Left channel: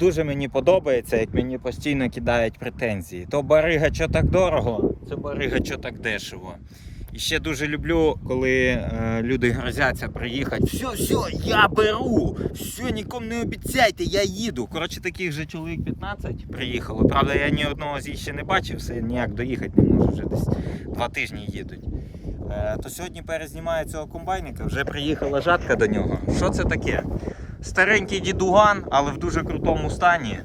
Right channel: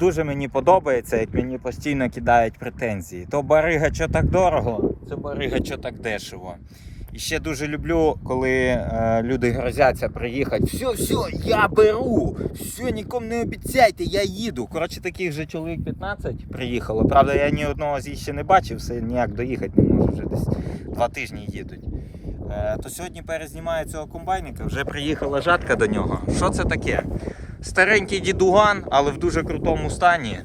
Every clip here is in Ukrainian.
Дуже мені подобається, як мені постійно кидають претензії. То барига що так дорого, це барига що так дешево. І ще дуже люблю, коли е, люди грозяться приїхати. Все, все, я беру. Все, нікому не обіцяйте, я їду. Коротше, таких же чоловік 15 приїхало. Правда, я ні одного з їх ще не бачив, все ніяк доїхати не можу, вже десь два тижні їдуть. Е, то сьогодні перезнімаю цього комбайника, вже приїхала жатка до нього. Що це таке? Старенький дідуган, але в дуже крутому стані.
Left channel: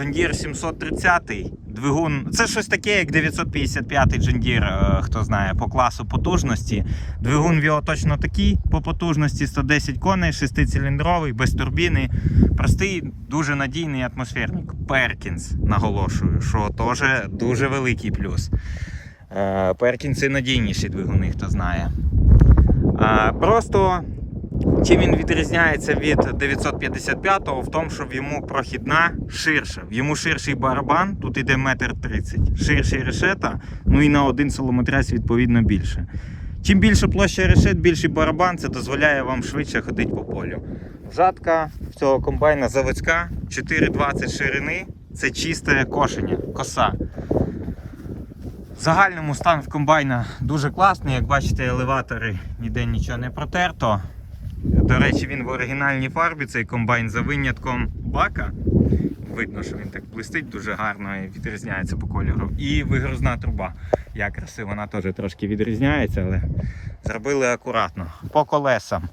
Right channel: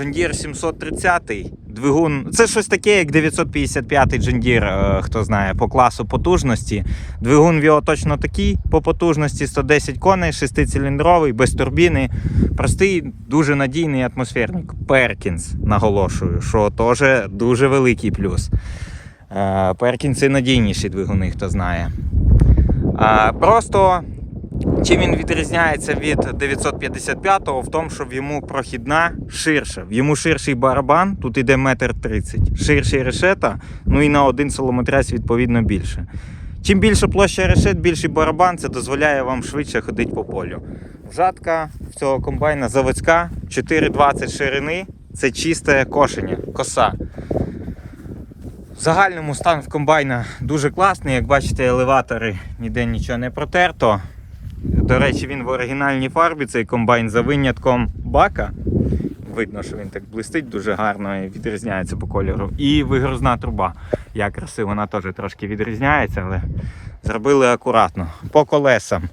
Deere 730 двигун. Це щось таке, як 955 John Deere, е, хто знає, по класу потужності. Двигун в його точно такий по потужності 110 коней, 6-циліндровий, без турбіни. Простий, дуже надійний атмосферник. Перкінс, наголошую, що теж дуже великий плюс. Перкінси надійніші двигуни, хто знає. Е, Просто Чим він відрізняється від 955-го в тому, що в йому прохідна ширша. В йому ширший барабан, тут іде метр тридцять, ширший решета, ну і на один солометрець відповідно більше. Чим більше площа решет, більший барабан, це дозволяє вам швидше ходити по полю. Жатка цього комбайна заводська, 4,20 ширини, це чисте кошення, коса. В загальному стан в комбайна дуже класний. Як бачите, елеватори ніде нічого не протерто. До речі, він в оригінальній фарбі, цей комбайн за винятком бака. Видно, що він так блистить дуже гарно і відрізняється по кольору. І вигрузна труба. Як красиво, вона теж трошки відрізняється, але зробили акуратно. По колесам.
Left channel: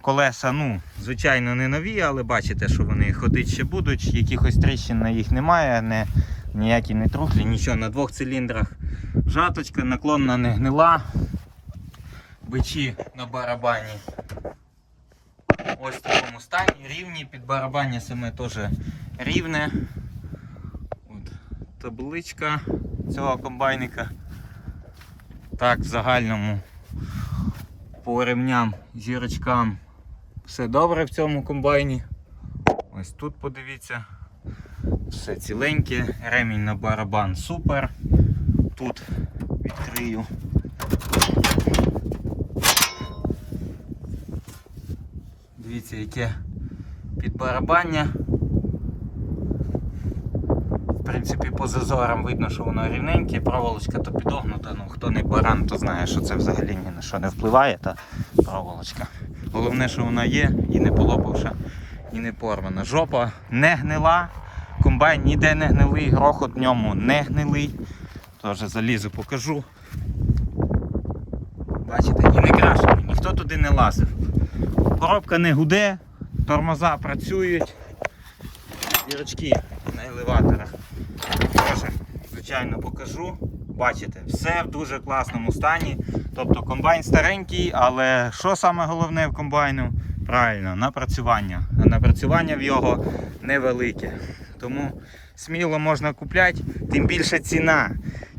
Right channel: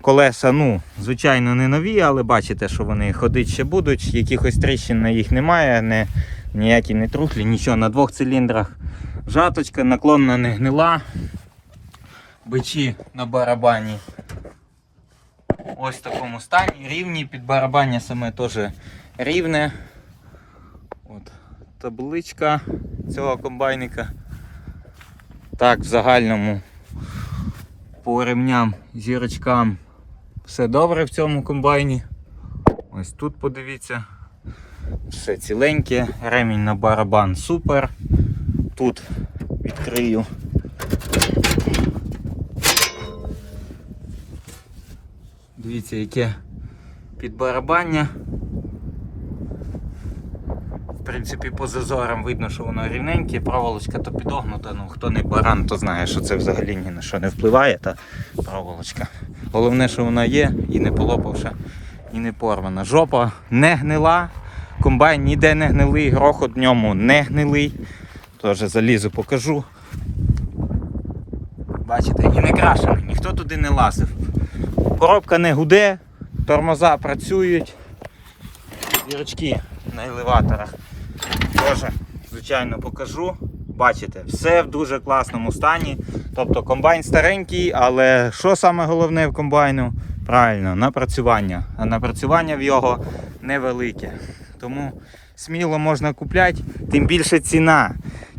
Колеса, ну, звичайно, не нові, але бачите, що вони ходити ще будуть. Якихось тріщин на їх немає, не, ніякі не трухлі, нічого на двох циліндрах. Жаточка, наклонна не гнила. Бичі на барабані ось в такому стані, рівні, під барабання саме теж рівне. От, табличка цього комбайника. Так, в загальному по ремням, зірочкам все добре в цьому комбайні. Ось тут подивіться. Все ціленьке, ремінь на барабан супер. Тут відкрию. Дивіться, яке підбарабання. В принципі, по зазорам видно, що воно рівненьке, проволочка то підогнута. Ну, хто не баран, то знає, що це взагалі ні на що не впливає, та проволочка. Головне, що вона є і не полопавши, і не порвана. Жопа не гнила, комбайн ніде не гнилий, грохот в ньому не гнилий. Теж залізу покажу. Бачите, і не крашений, ніхто туди не лазив. Коробка не гуде, тормоза працюють. Дірочки на елеваторах. Теж, звичайно, покажу. Бачите, все в дуже класному стані. Тобто комбайн старенький, але що саме головне в комбайну? Правильно, напрацювання. А напрацювання в його невелике. Тому сміло можна купляти, тим більше ціна.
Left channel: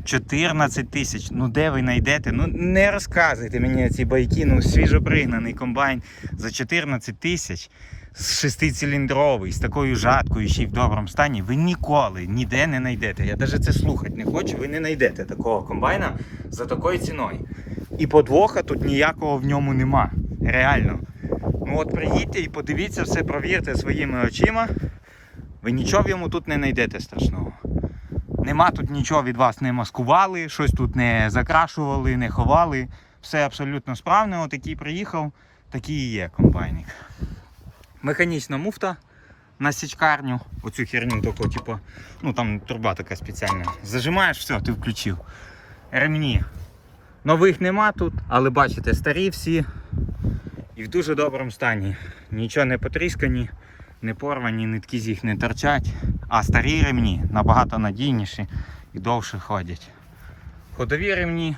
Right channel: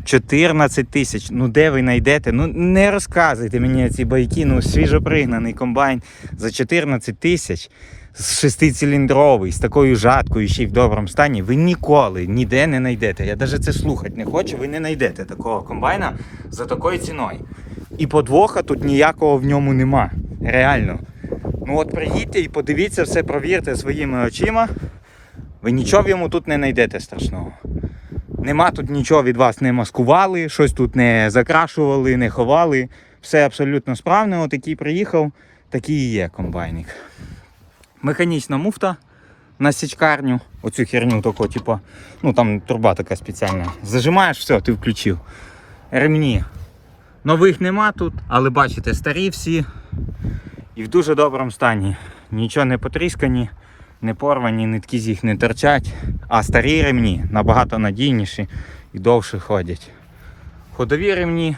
14 тисяч. Ну де ви знайдете? Ну не розказуйте мені ці байки. Ну свіжопригнаний комбайн за 14 тисяч. Шестициліндровий, з такою жаткою, ще й в доброму стані, ви ніколи ніде не знайдете. Я навіть це слухати не хочу, ви не знайдете такого комбайна за такою ціною. І подвоха тут ніякого в ньому нема. Реально. Ну от приїдьте і подивіться, все провірте своїми очима. Ви нічого в йому тут не знайдете страшного. Нема тут нічого від вас не маскували, щось тут не закрашували, не ховали. Все абсолютно справне. От який приїхав, такий і є комбайник. Механічна муфта на січкарню. Оцю херню таку, типу, ну там труба така спеціальна. Зажимаєш, все, ти включив. Ремні. Нових нема тут, але бачите, старі всі і в дуже доброму стані. Нічого не потріскані, не порвані, нитки з їх не торчать. А старі ремні набагато надійніші і довше ходять. Ходові ремні.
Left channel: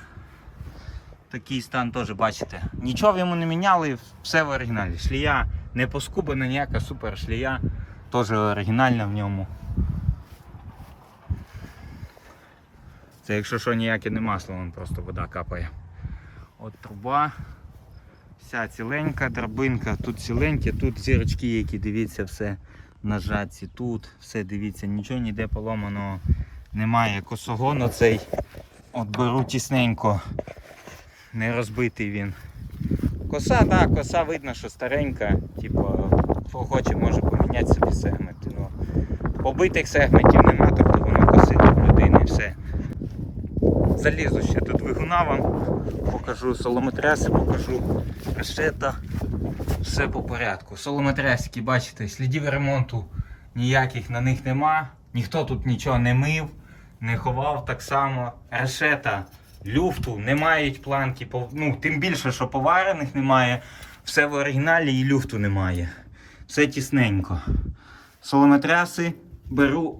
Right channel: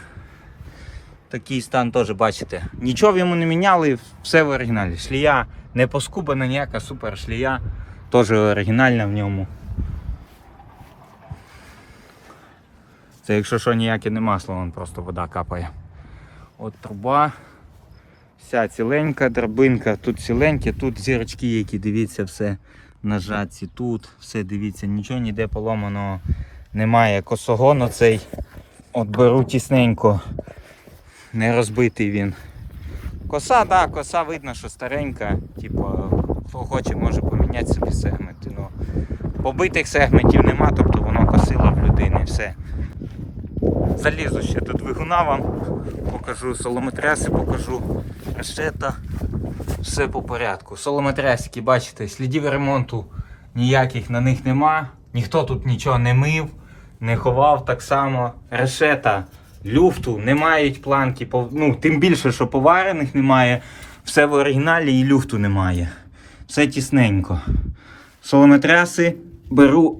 Такий стан теж бачите. Нічого в йому не міняли, все в оригіналі. Шлія не поскубана, ніяка супер шлія. Теж оригінальна в ньому. Це якщо що ніяке не масло, вон просто вода капає. От труба. Вся ціленька, драбинка, тут ціленьке, тут зірочки, які дивіться, все на тут все дивіться, нічого ніде поломаного немає. Косогон оцей от беру тісненько, не розбитий він. Коса, так, коса видно, що старенька, типу, хто хоче, може поміняти собі сегменти. Ну, Побитих сегментів нема, тобто воно косило в людини все. Залізу ще до двигуна вам, покажу солометреси, покажу решета. Все по порядку. Солометресики, бачите, слідів ремонту ніяких на них нема. Ніхто тут нічого не мив, не ховав так само. Решета люфту не мають планки, ну, тим більше, що поварених немає. Все в оригіналі і люфту немає. Все тісненько. Солометреси беру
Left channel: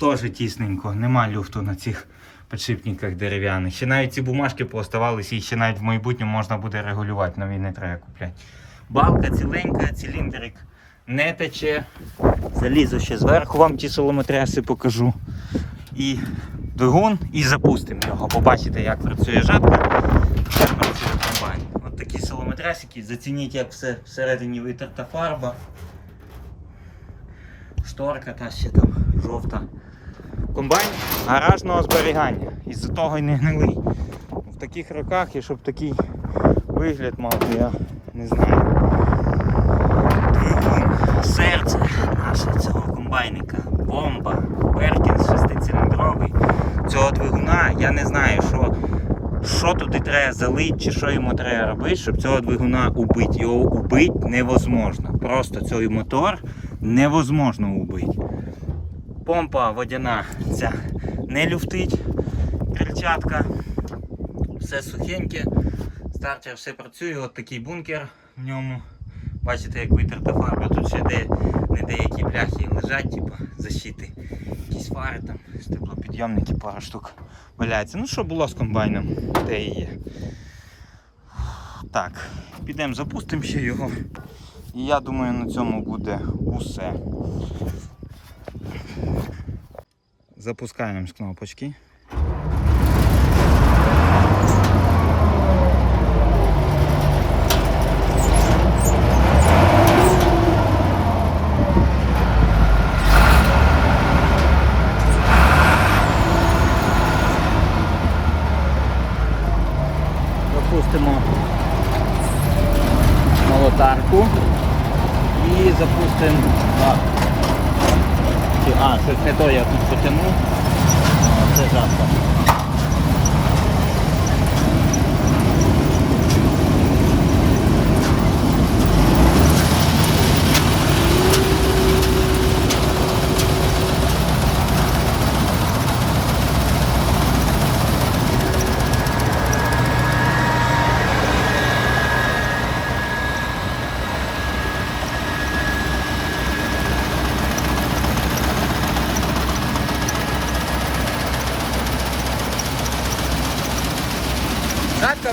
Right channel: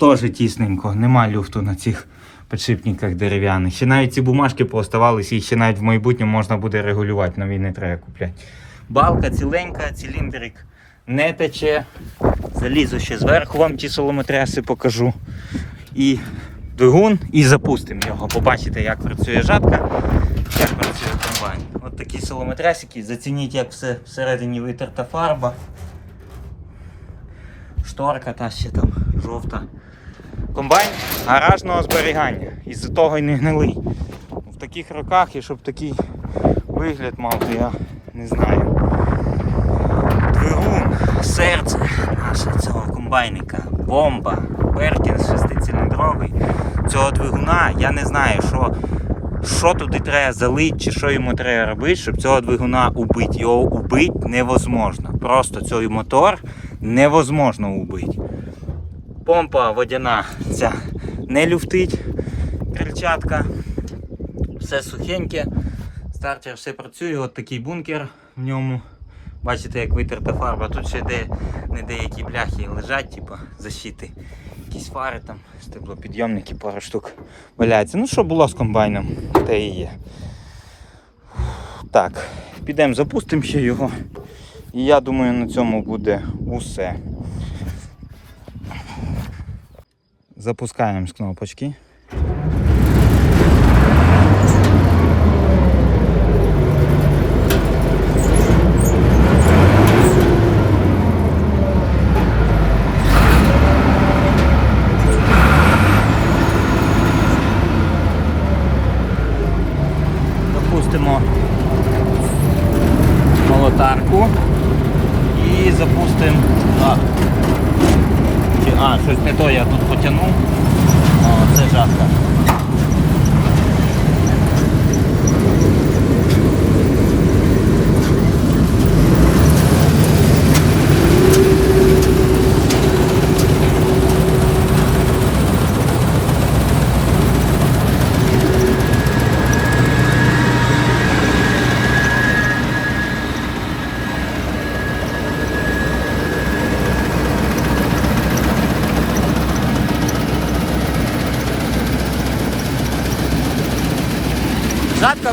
теж тісненько. Нема люфту на цих підшипниках дерев'яних. Ще навіть ці бумажки пооставалися, їх ще навіть в майбутньому можна буде регулювати, нові не треба купляти. Балка ціленька, циліндрик не тече. Залізу ще зверху вам ті солометреси покажу. І двигун, і запустимо його. Побачите, як працює жатка, як працює комбайн. От такі солометресики. Зацініть, як все всередині витерта фарба. Шторка та ще там жовта. Комбайн гаражного зберігання. Із-за того й не гнилий. В таких роках і щоб такий вигляд мав, то я не знаю. Двигун, серце наше цього комбайника, бомба, Беркін шестициліндровий. Цього двигуна я не знаю, що, що туди треба залити, чи що йому треба робити, щоб цього двигуна убити. Його убити невозможно. Просто цей мотор невозможно убити. Помпа водяна ця не люфтить, крильчатка, все сухеньке. Стартер все працює, от такий бункер в ньому. Бачите, як витерта фарба, тут ще де, не деякі бляхи лежать, типу защити. Якісь фари там, стеблопідйомники, пару штук валяється. Ну що було з комбайном, те і є. Так, підемо запустимо ще його. І я думаю, на цьому буде усе. Запускаємо з кнопочки. Запустимо лотарку і запустимо. А, щось не то я тут потягнув. Зажатку. Жатка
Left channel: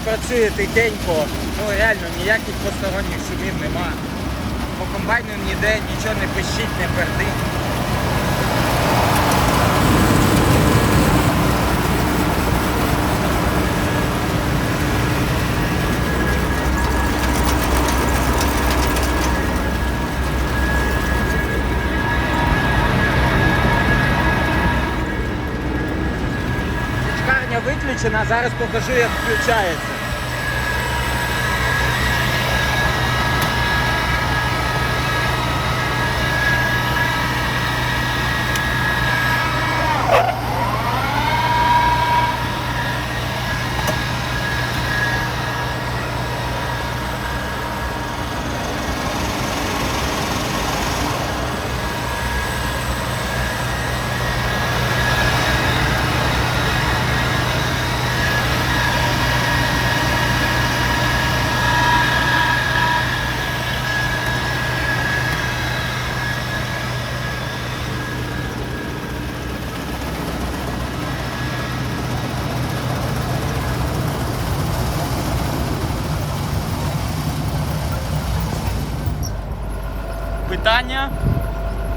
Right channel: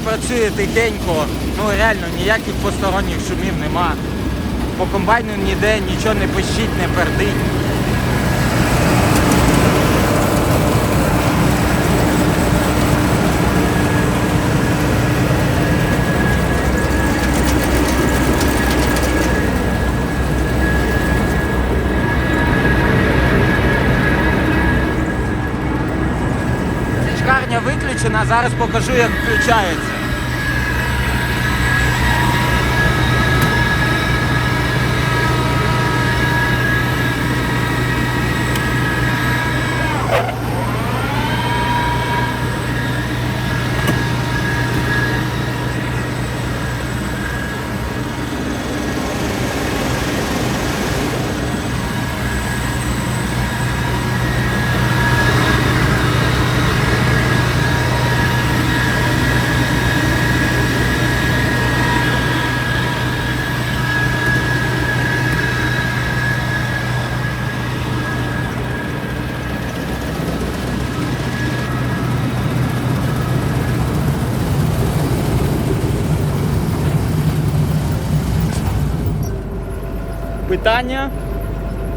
працює тихенько, ну реально ніяких посторонніх шумів нема. По комбайну ніде нічого не пищить, не пердить. Питання?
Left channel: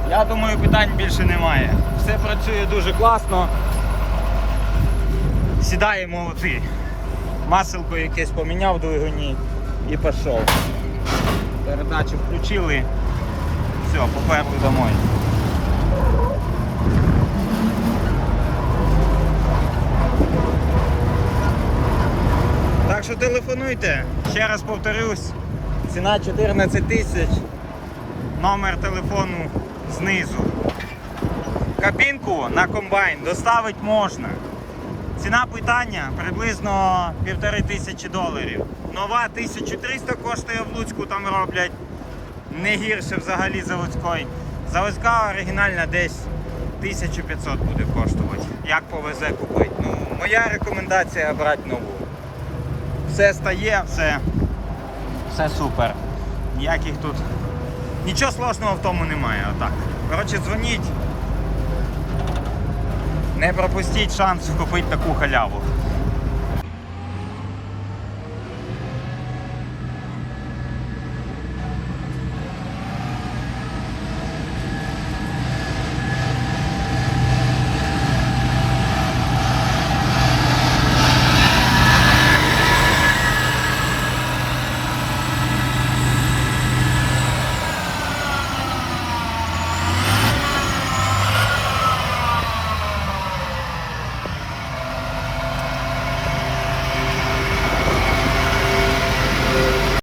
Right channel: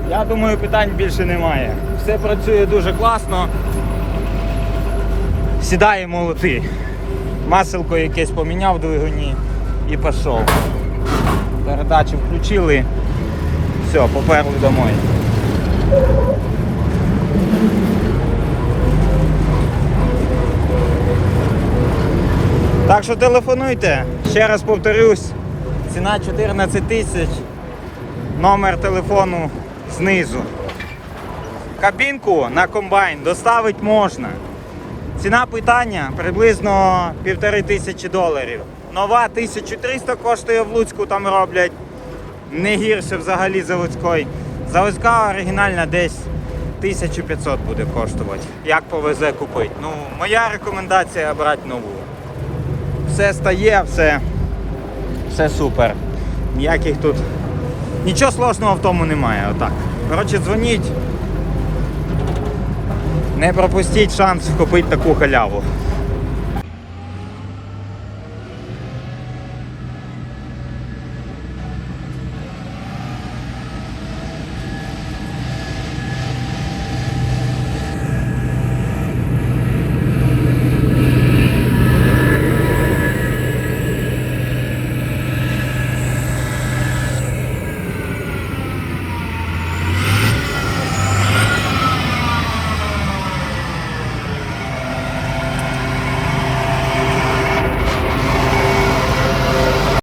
Я думаю, питань більше немає. Все працює дуже класно. Сідає молоти. Маселко якесь поміняв двигуні і пішов. Передачу включили. Все, поперли домой. Так що телефонуйте. Ще раз повторюсь. Ціна 14 тисяч. Номер телефону знизу. Кабінку на комбайн доставити можна. Ціна питання приблизно півтори тисячі доларів. Нова 1300 коштує в Луцьку, там роблять не гірше взагалі заводської. Заводська оригінальна десь 1500 буде коштувати. Як повезе купити. Ну, моя рекомендація брати нову. Все стає, все, все супер. Ніяких тут. Нічого сложного в тому немає. Отак. Коротше, дзвоніть. Не пропустіть шанс купити таку халяву.